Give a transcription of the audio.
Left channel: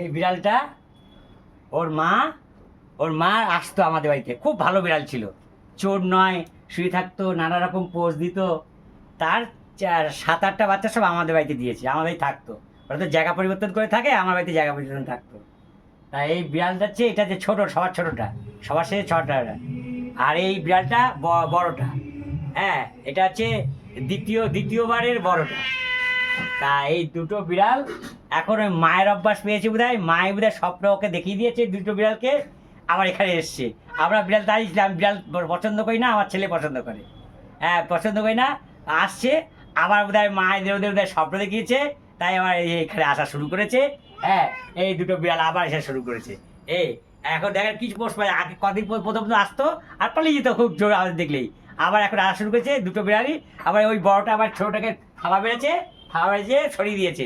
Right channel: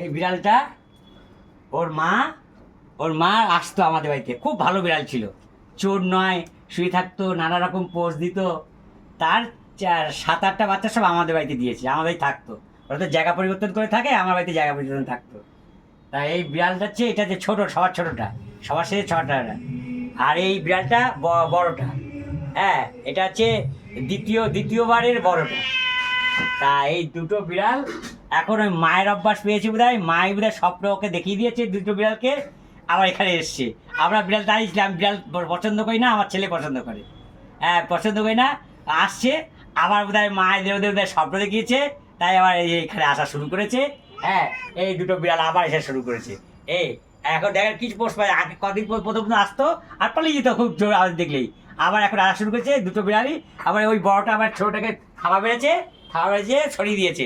এই বিড়ালটা ওর মা আসতো আমাদের বাড়িতে, খুব ভালো বিড়াল ছিল, চোর নয়, শুয়ে থাকতো, নানা রকম পোজ দিত। তার 7-8টা বাচ্চা সব আমাদের বাড়িতে দিয়েছে, আমার বাড়ি থাকতো। ওরা তো জায়গা পরিবর্তন করে থাকে, আমার বাড়িতে জায়গা পরিবর্তন থাকতো। তাই এই বিড়ালটা হচ্ছে, এটা যে ছোট, সবার ছোটটা, সবার সাথে ছটা। আর এই বিড়ালটা বড়টা। হ্যাঁ, এটা হচ্ছে দ্বিতীয়বারের বড়টা। তা এই দুটো বিড়াল এখন ওই মায়ের অভ্যাস পেয়েছে বোধহয়, মাই বোধহয় স্বপ্ন ওকে দেখিয়ে দিয়েছে দুটো বিড়ালকে, আমার এখানে এসছে। আমরা বিড়াল দাঁড়িয়েছিলাম, বিড়াল পছন্দ করি না, আমার ছেলে পছন্দ করে। হ্যাঁ, পছন্দ করি না, আসছে। আমার বোধহয় মায়ের ওদের বোধহয় স্বপ্ন দেখিয়েছে, তাই আমার এই যে এখানে আসা শুরু করেছে। হ্যাঁ, এই দুটো বিড়াল আবার এসে শুরু করেছে। এই এখন দেখেন কিছু পোষ পায়, আগে কদিন পর প্রথম আসতো আর পালিয়ে যেত খুব জোর আওয়াজ দেখলেই। আবার এখন আসা শুরু করেছে দুটো বিড়ালই। আবার ওই বড়টা আবার ছোটটাকে থাবা বেড়েছে, সরিয়ে দিয়েছে।